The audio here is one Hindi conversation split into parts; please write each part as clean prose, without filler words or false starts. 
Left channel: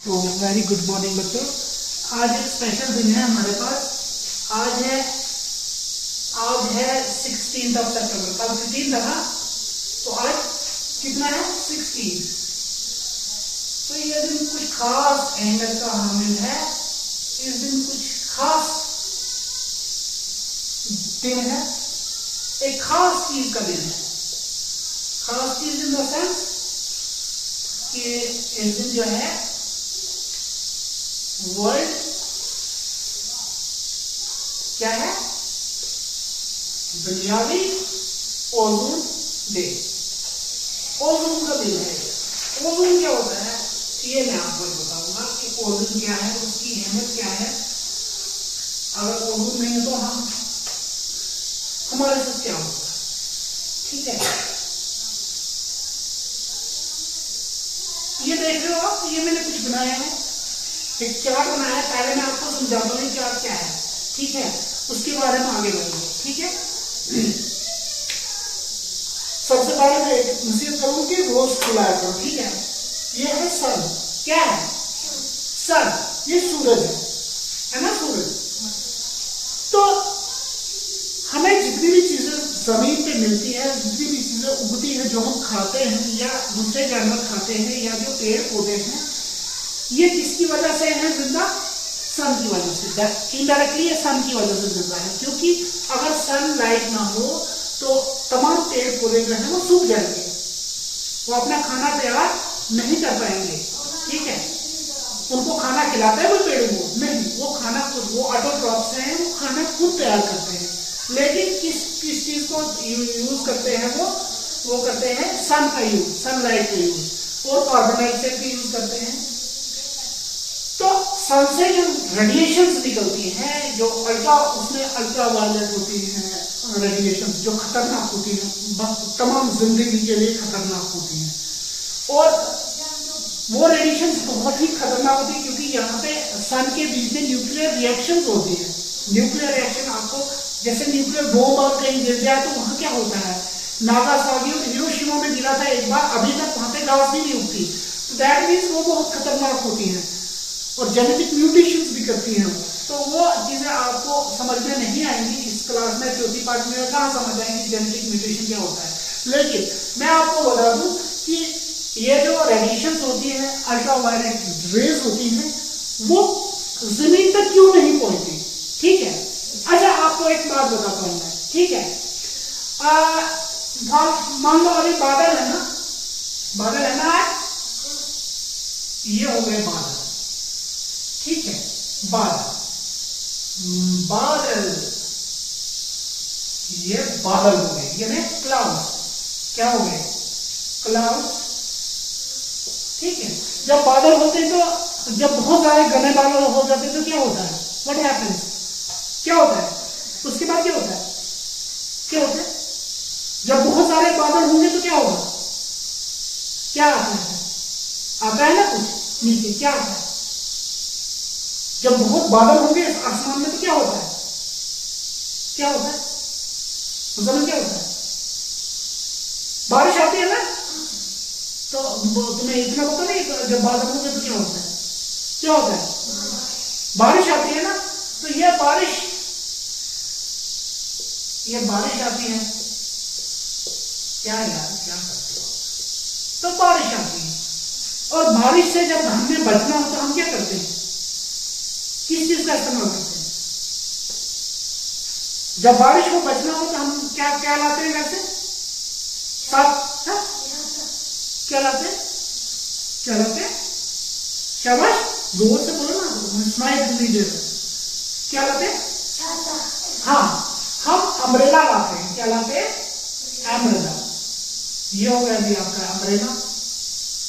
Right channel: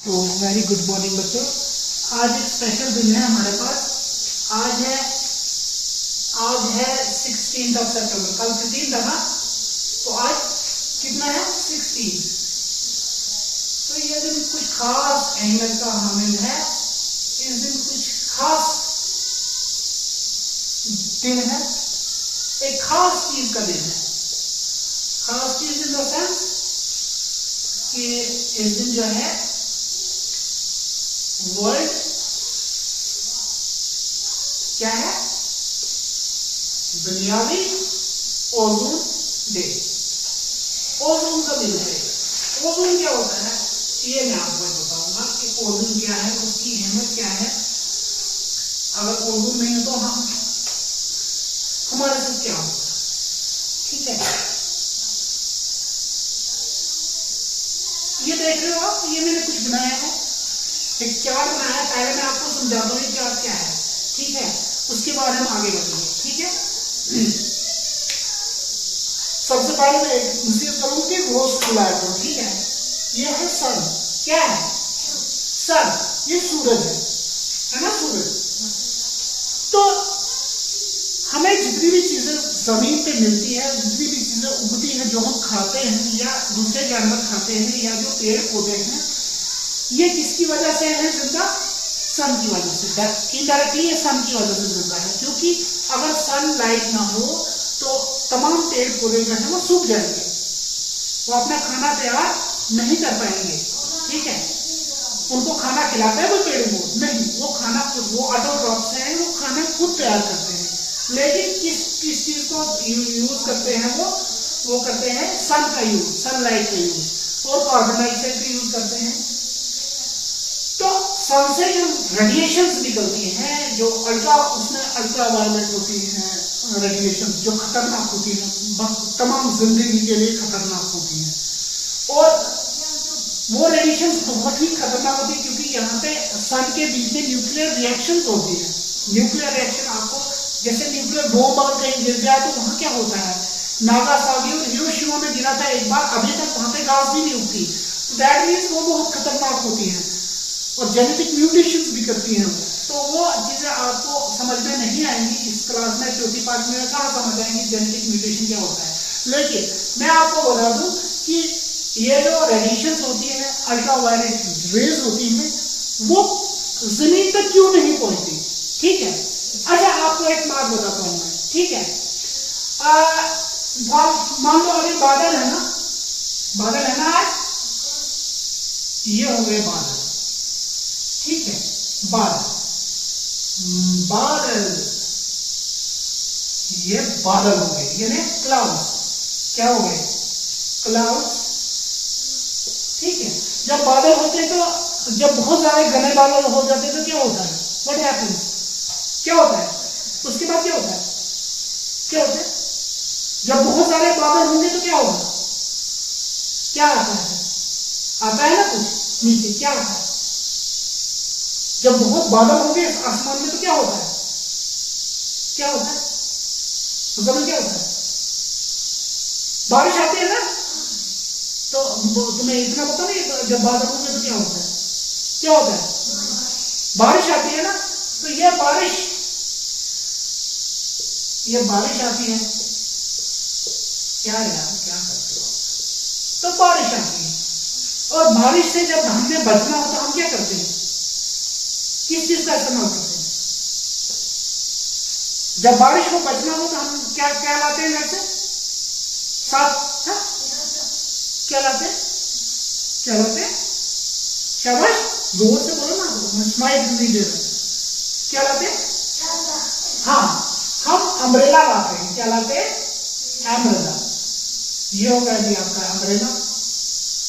तो वेरी गुड मॉर्निंग बच्चों। आज एक स्पेशल दिन है हमारे पास। आज है 16 सितंबर। कल 15 था ना, तो आज कितना है 16। तो ये दिन कुछ खास अहमियत का हामिल है। इस दिन कुछ खास दिन है, एक खास चीज का दिन है। खास चीज इन द सेंस कि इस दिन जो है वर्ल्ड क्या है, दुनियावी ओजोन डे। ओजोन का दिन है। ओजोन क्या होता है ये मैं आपको बताऊंगा कि ओजोन क्या है, उसकी अहमियत क्या है। अगर ओजोन नहीं है तो हमारे साथ क्या होगा, ठीक है। ये देख रहे हो आप, ये मैंने कुछ बनाया है, एक चार्ट बनाया है। पहले मैं आपको समझाता हूँ चार्ट क्या है, ठीक है। उसके बाद हम आगे बढ़ेंगे, ठीक है। सबसे पहले मैं एक नसीहत करूंगा कि रोज खुलाया करो, ठीक है। ये है सन, क्या है सन, ये सूरज है ना, सूरज। तो हमें जितनी भी चीजें जमीन पे मिलती है, जितनी भी चीजें उगती है, जो हम खाते हैं या दूसरे जानवर खाते हैं या जो पेड़ पौधे हैं, ये किसकी वजह से है जिंदा? सन की वजह से। इनडायरेक्टली ये सन की वजह से जिंदा है, क्योंकि अगर सन लाइट ना हो तो तमाम पेड़ पौधे जो है वो सूख जाएंगे, वो अपना खाना तैयार नहीं कर पाएंगे, ठीक है। उनको खाना खिलाते हैं वो पेड़ को नहीं, वो खाना खुद, वो ऑटोट्रॉफ्स हैं, वो खाना खुद तैयार करते हैं। लेकिन किस चीज को यूज करते हैं वो करते हैं सन का यूज, सनलाइट का यूज, और कार्बन डाइऑक्साइड का यूज करते हैं। तो सन से जो रेडिएशंस निकलती हैं, जो उसमें अल्ट्रा वायलेट होती हैं रेडिएशन, जो खतरनाक होती है, तमाम जिंदगी के लिए खतरनाक होती हैं। और वो रेडिएशन बहुत ही खतरनाक होती है, क्योंकि यहाँ पे सन के बीच में न्यूक्लियर रिएक्शन होती है। न्यूक्लियर रिएक्शन आपको, जैसे न्यूक्लियर बॉम्ब अगर कहीं गिर जाए तो वहां क्या होता है, नागासाकी और हिरोशिमा में गिरा था एक बार, अभी तक वहां पे घास भी नहीं उगती। दैट मीन्स वो बहुत खतरनाक होती है और जेनेटिक म्यूटेशंस भी करती हैं। तो वो चीजें आपको समझ में नहीं आएंगी इस क्लास में, चौथी पार्ट में कहाँ समझ आएंगी जेनेटिक म्यूटेशन क्या होता है। लेकिन मैं आपको बता दूं कि ये जो रेडिएशंस होती है, अल्ट्रावायलेट रेज होती हैं, वो जमीन तक क्यों नहीं पहुंचती, ठीक है। अच्छा आपको एक बात बताता हूं मैं, ठीक है। मान लो अभी बादल है ना, बादल है ना, ये हो गए बादल, ठीक है। बादल ये बादल हो गए, ये क्लाउड्स, क्या हो गए, क्लाउड्स, ठीक है। जब बादल होते हैं तो जब बहुत सारे घने बादल हो जाते हैं तो क्या होता है, व्हाट हैपेंस, क्या होता है, उसके बाद क्या होता है, क्या होता है, जब बहुत सारे बादल होंगे तो क्या होगा, क्या आता है ना कुछ नीचे, क्या आता है, जब बहुत बादल होंगे आसमान में तो क्या होता है, क्या होता है, जमीन क्या होता है, बारिश आती है ना। तो तुम्हें इतना पता नहीं, जब बादल होंगे तो क्या होता है, क्या होता है, बारिश आती है ना। तो ये बारिश आती है, क्या यार क्या करते हो, तो बारिश आती है। और बारिश से जब हमें बचना हो तो हम क्या करते हैं, किस चीज का इस्तेमाल करते हैं, जब बारिश को बचना हो तो हम क्या लाते हैं घर से, साफ, क्या लाते, शाबाश, जोर से बोलो ना, स्माइल नहीं दे रहे, क्या लाते, हाँ हम अम्ब्रेला लाते हैं, क्या लाते हैं, अम्ब्रेला। ये हो गया जी आपका अम्ब्रेला,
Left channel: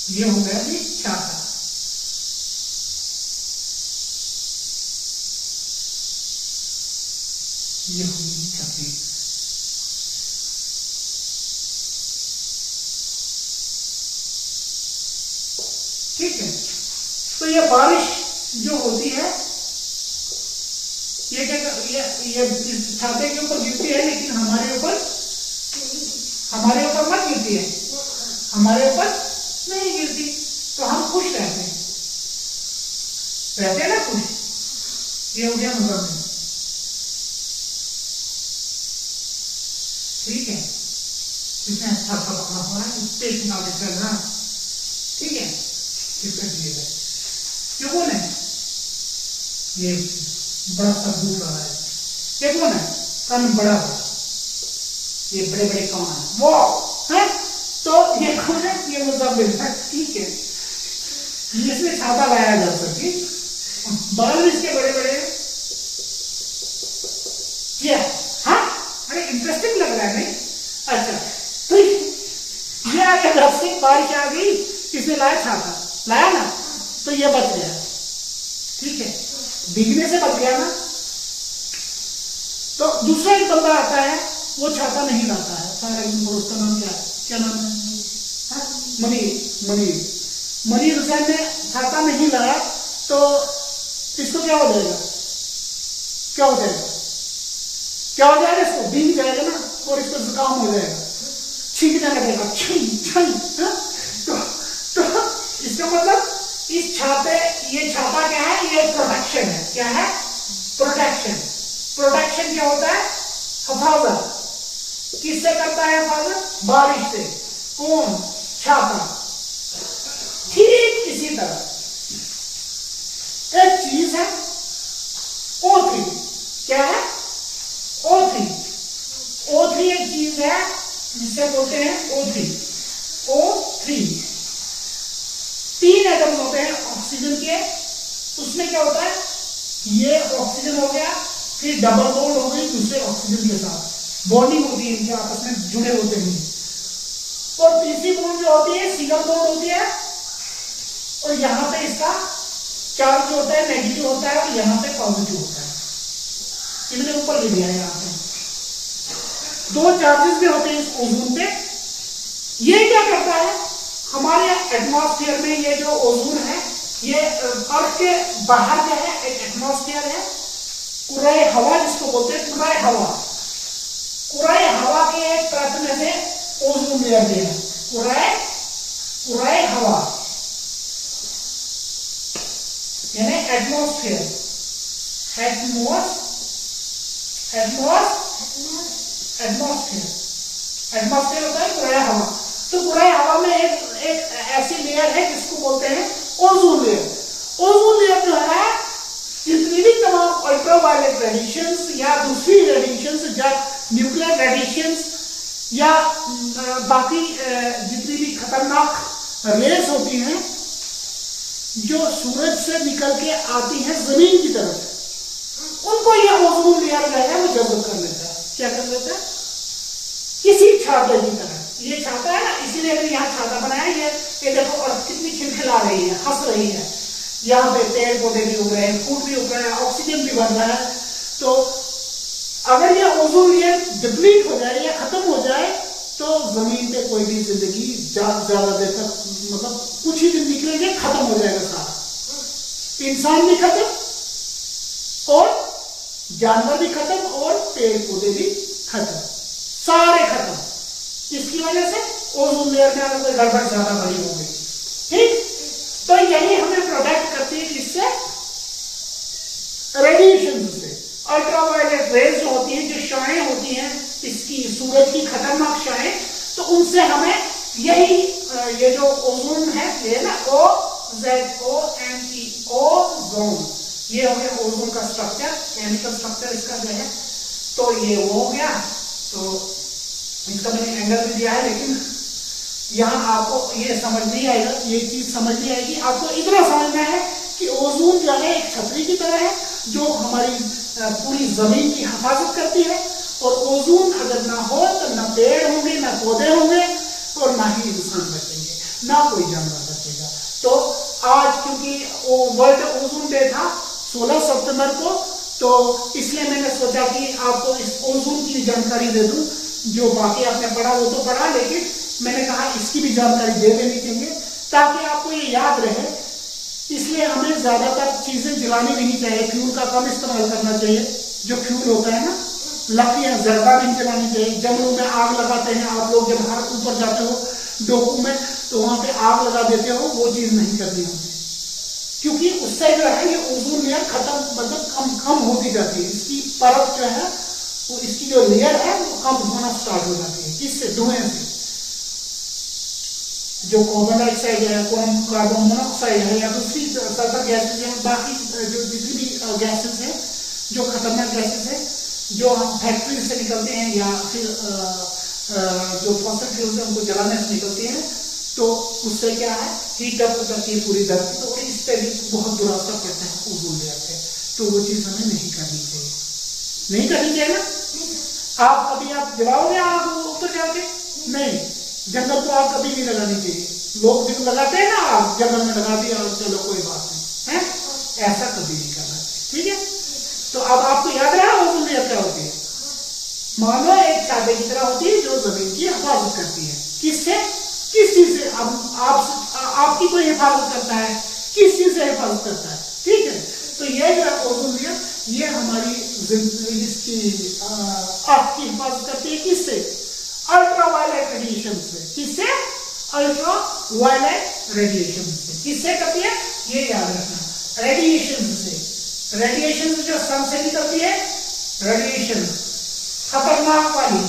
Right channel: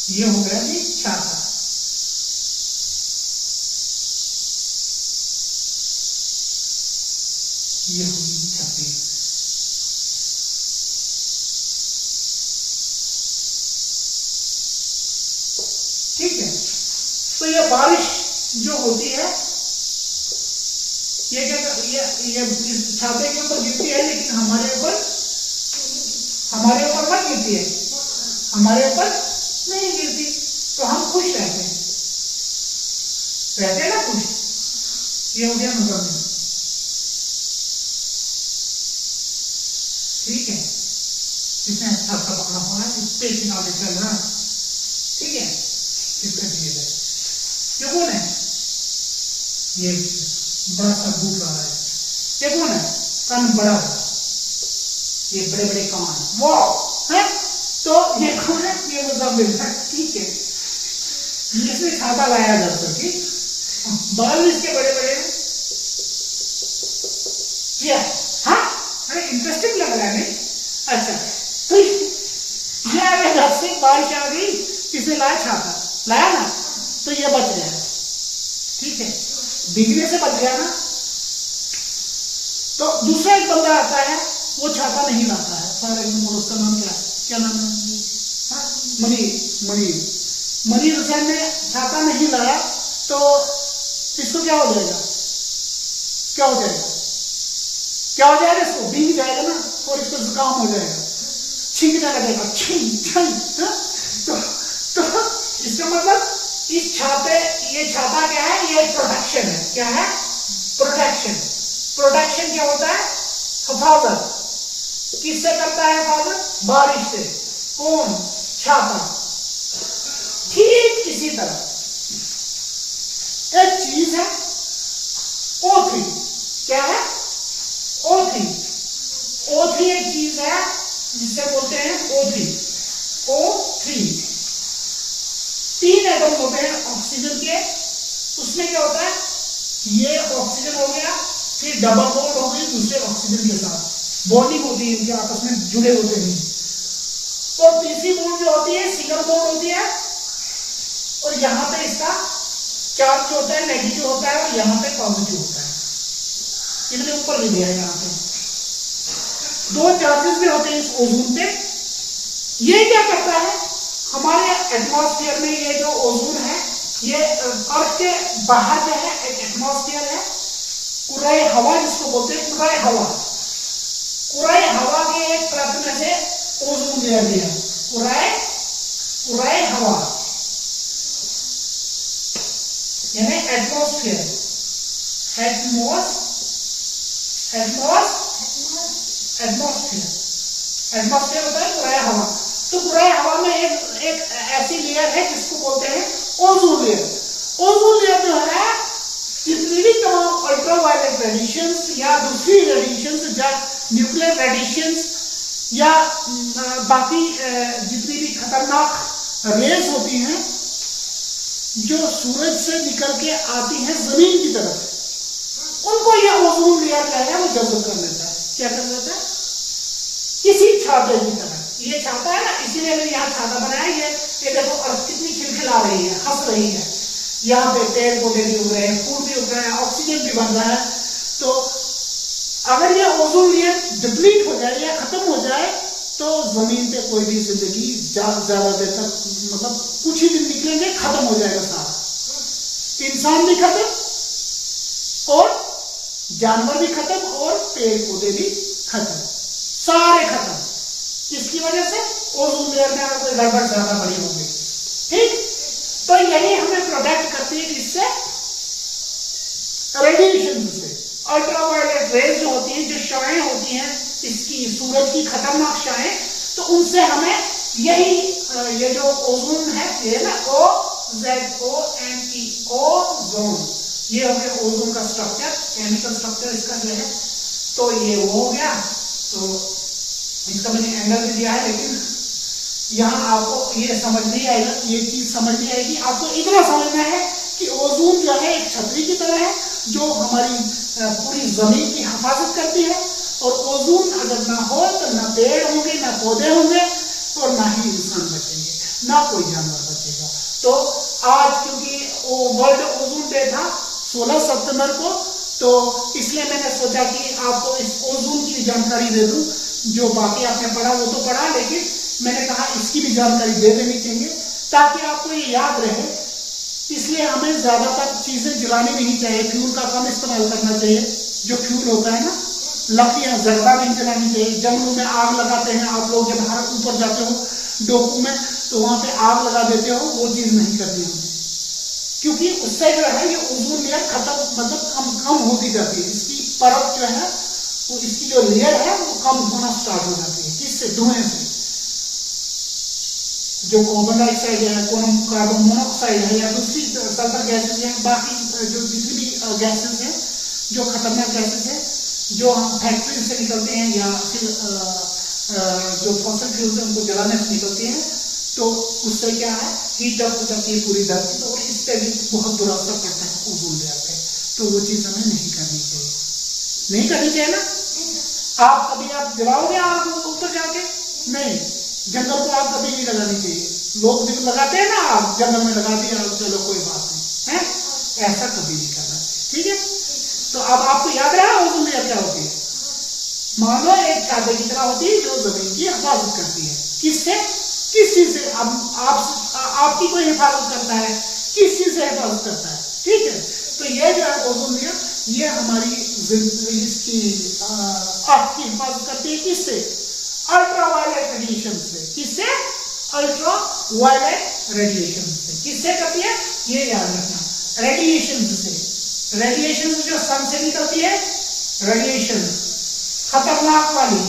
ये हो गया जी छाता। ये होगी छतरी, ठीक है। तो ये बारिश जो होती है ये क्या, ये इस छाते के ऊपर गिरती है, लेकिन हमारे ऊपर मत गिरती है, हमारे ऊपर नहीं गिरती, तो हम खुश रहते हैं। रहते हैं ना कुछ। ये हो गया मुजम्मिल, ठीक है, इसने अच्छा सा पकड़ा हुआ है, इस पे किनारे चल रहा है, ठीक है, इसका दिए गए। ये कौन है? ये बड़ा सा बूट रहा है। ये कौन है? कान बड़ा बड़ा, ये बड़े बड़े कान, वो है। तो ये कौन है? ये मुजम्मिल है, ठीक है। इसमें छाता लाया जा सके, बाल इसके बड़े बड़े हैं। हाँ, अरे इंटरेस्टिंग लग रहा है नहीं? अच्छा, तो ये आ गया घर से, बारिश आ गई, किसने लाया? छाता लाया ना, तो ये बच गया, ठीक है, भीगने से बच गया ना। तो दूसरा एक बंदा आता है, वो छाता नहीं लाता है, फॉर एग्जाम्पल उसका नाम क्या है? क्या नाम है? मनीर हुसैन ने छाता नहीं लाया, तो इसको क्या हो जाएगा? क्या हो जाएगा? क्या हो जाएगा? इसको भीग जाएगा ना, और इसको जुकाम हो जाएगा, छींकने लगेगा, तो इसका मतलब इस छाते, ये छाता क्या है? ये प्रोटेक्शन है। क्या है? प्रोटेक्शन। प्रोटेक्शन क्या होता है? हिफाजत। किससे करता है हिफाजत? बारिश से। कौन? छाता। ठीक इसी तरह एक चीज है O3। क्या है? O3। O3 एक चीज है जिसे बोलते हैं O3। O3 तीन एटम होते हैं ऑक्सीजन के। उसमें क्या होता है? ये ऑक्सीजन हो गया, फिर डबल बॉन्ड हो गई दूसरे ऑक्सीजन के साथ, बॉन्डिंग होती है, इनके आपस में जुड़े होते हैं। और तीसरी बॉन्ड जो होती है सिंगल बॉन्ड होती है, और यहां पे इसका चार्ज जो होता है नेगेटिव होता है, और यहां पे पॉजिटिव होता है। इन्होंने ऊपर भी दिया है, यहाँ पे दो चार्जेस भी होते हैं इस ओजोन पे। ये क्या करता है? हमारे एटमॉस्फेयर में ये जो ओजोन है, ये अर्थ के बाहर जो है एक एटमॉस्फेयर है, कुराए हवा जिसको बोलते हैं, कुराए हवा। कुराए हवा के एक परत में से ओजोन लेयर भी है, कुराए हवा, यानी एटमॉस्फेयर। एटमॉस्फेयर होता है कुराए हवा। तो कुराए हवा में एक ऐसी लेयर है जिसको बोलते हैं ओजोन लेयर। ओजोन लेयर जो है, जितनी भी तमाम अल्ट्रावायलेट रेडिएशंस या दूसरी रेडिएशंस या न्यूक्लियर रेडिएशंस या बाकी जितनी भी खतरनाक रेस होती हैं जो सूरज से निकल के आती हैं जमीन की तरफ, उनको यह ओजोन लेयर जो है वो जब्त कर लेता है। क्या कर लेता है? किसी छाते की तरह। ये छाता है ना, इसीलिए मैंने यहाँ छाता बनाया। ये देखो अर्थ कितनी खिलखिला रही है, हंस रही है। यहाँ पे पेड़ पौधे भी उग रहे हैं, फूल भी उग रहे हैं, ऑक्सीजन भी बन रहा है। तो अगर ये ओजोन लेयर डिप्लीट हो जाए या खत्म हो जाए, तो जमीन पे कोई भी जिंदगी ज्यादा देर तक, मतलब कुछ ही दिन निकलेंगे, खत्म हो जाएगा सारा। इंसान भी खत्म, और जानवर भी खत्म, और पेड़ पौधे भी खत्म, सारे खत्म। किसकी वजह से? ओजोन लेयर में अगर कोई गड़बड़ ज्यादा बड़ी हो गई। ठीक, तो यही हमें प्रोटेक्ट करती है किससे? रेडिएशन से। अल्ट्रावायलेट रेज जो होती है, जो शाएं होती हैं इसकी, सूरज की खतरनाक शाएं, तो उनसे हमें यही ये जो ओजोन है, ये ना OZONE, ओजोन, ये हो गया ओजोन का स्ट्रक्चर, केमिकल स्ट्रक्चर इसका जो है। तो ये वो हो गया। तो इसका मैंने एंगल भी दिया है, लेकिन यहाँ आपको ये समझ नहीं आएगा, ये चीज समझ नहीं आएगी। आपको इतना समझना है कि ओजोन जो है एक छतरी की तरह है, जो हमारी पूरी जमीन की हिफाजत करती है। और ओजोन अगर ना हो तो ना पेड़ होंगे, ना पौधे होंगे, और ना ही इंसान बचेंगे, ना कोई जानवर बचेगा। तो आज क्योंकि वो वर्ल्ड ओजोन डे था 16 सितंबर को, तो इसलिए मैंने सोचा कि आपको इस ओजोन की जानकारी दे दूं। जो बाकी आपने पढ़ा वो तो पढ़ा, लेकिन मैंने कहा इसकी भी जानकारी दे देनी चाहिए ताकि आपको ये याद रहे। इसलिए हमें ज्यादातर चीजें जलानी नहीं चाहिए, फ्यूल का कम इस्तेमाल करना चाहिए। जो फ्यूल होता है ना, लकड़ियां ज्यादा नहीं जलानी चाहिए। जंगलों में आग लगाते हैं आप लोग, जब हाथ ऊपर जाते हो डोकू में, तो वहां पे आग लगा देते हो, वो चीज नहीं करनी होती। क्योंकि उससे जो है ये ओजोन लेयर खत्म, मतलब कम होती जाती है, इसकी परत जो है वो, इसकी जो लेयर है वो कम होना स्टार्ट हो जाती है। किससे? धुएं से। जो कार्बन डाइऑक्साइड है, कार्बन मोनोऑक्साइड है, या दूसरी सल्फर गैसेस है, बाकी जो जितनी भी गैसेस है, जो खतरनाक गैसेस है, जो हम फैक्ट्री से निकलते हैं या फिर जो फॉसिल फ्यूल्स है उनको जलाने से निकलती है, तो उससे क्या है, हीट अप हो जाती है पूरी धरती, तो और इस पर भी बहुत बुरा असर पड़ता है ओजोन लेयर पे। तो वो चीज हमें नहीं करनी चाहिए, नहीं करनी चाहिए ना। आप कभी आप जलाओगे आग ऊपर जाके? नहीं। जंगल को आग कभी नहीं लगानी चाहिए। लोग भी लगाते हैं ना, आग जंगल में लगा दिया, चलो कोई बात नहीं है, ऐसा कभी नहीं करना चाहिए, ठीक है। तो अब आपको याद रहा ओजोन लेयर क्या होती है? मान लो एक छाते की तरह होती है जो जमीन की हिफाजत करती है। किससे? किस चीज से? अब आपकी कोई हिफाजत करता है, किस चीज से हिफाजत करता है, ठीक है। तो ये जो है ओजोन लेयर, ये हमारी इसकी आपकी हिफाजत करती है। किससे? अल्ट्रावायलेट रेडिएशन से। किससे? अल्ट्रावायलेट रेडिएशन से। किससे करती है? ये याद रखना, रेडिएशन से। रेडिएशन जो सन से निकलती है, रेडिएशन खतरनाक वाली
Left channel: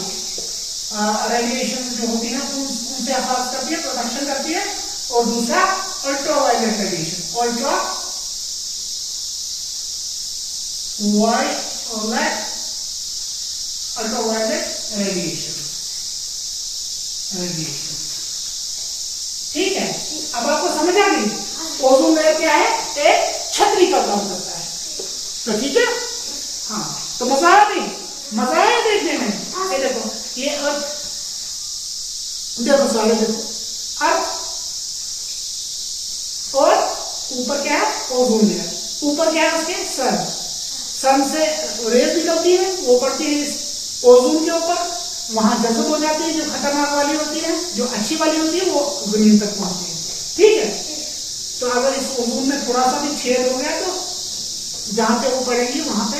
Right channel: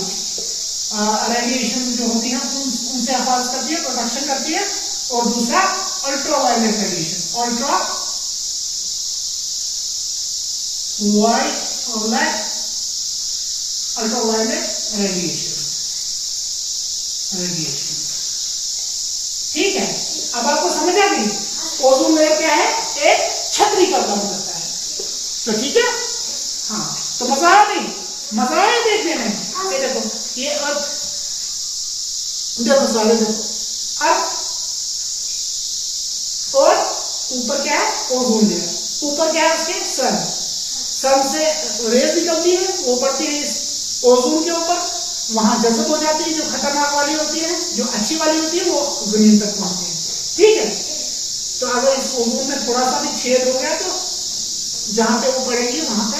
रेडिएशन जो होती है उनसे हिफाजत करती है, प्रोटेक्शन करती है। और दूसरा अल्ट्रावायलेट रेडिएशन, अल्ट्रावायलेट रेडिएशन, ठीक है। अब आपको समझ आ गई ओजोन लेयर क्या है? एक छतरी का काम करता है, तो ठीक है। हाँ, तो मजा आया नहीं? मजा आया देखने में? ये देखो, ये अर्थ, देखो सारे, देखो अर्थ, और ऊपर क्या है? Ozone layer. ऊपर क्या है उसके? सन से रेज निकलती है, वो पड़ती है इस ओजोन के ऊपर, वहां जज़ब हो जाती है, जो खतरनाक वाली होती है, जो अच्छी वाली होती है वो जमीन तक पहुंचती है, ठीक है। तो अगर इस ओजोन में थोड़ा सा भी छेद हो गया तो जहां पे वो पड़ेगी वहां पे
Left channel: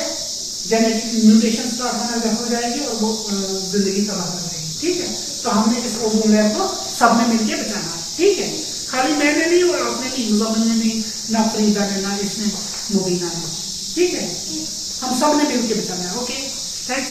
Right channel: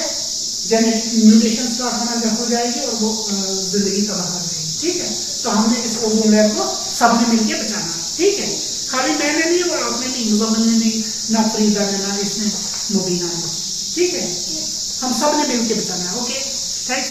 जेनेटिक म्यूटेशन स्टार्ट होना हो जाएगी और वो जिंदगी तबाह कर देगी, ठीक है। तो हमने इस ओजोन लेयर को सबने मिलकर बचाना है, ठीक है। खाली मैंने नहीं और आपने नहीं, मुज़म्मिल ने नहीं, ना फरीदा ने, ना इसने, मुबीना ने, ठीक है। हम सब ने मिलकर बचाना है। Okay, thanks.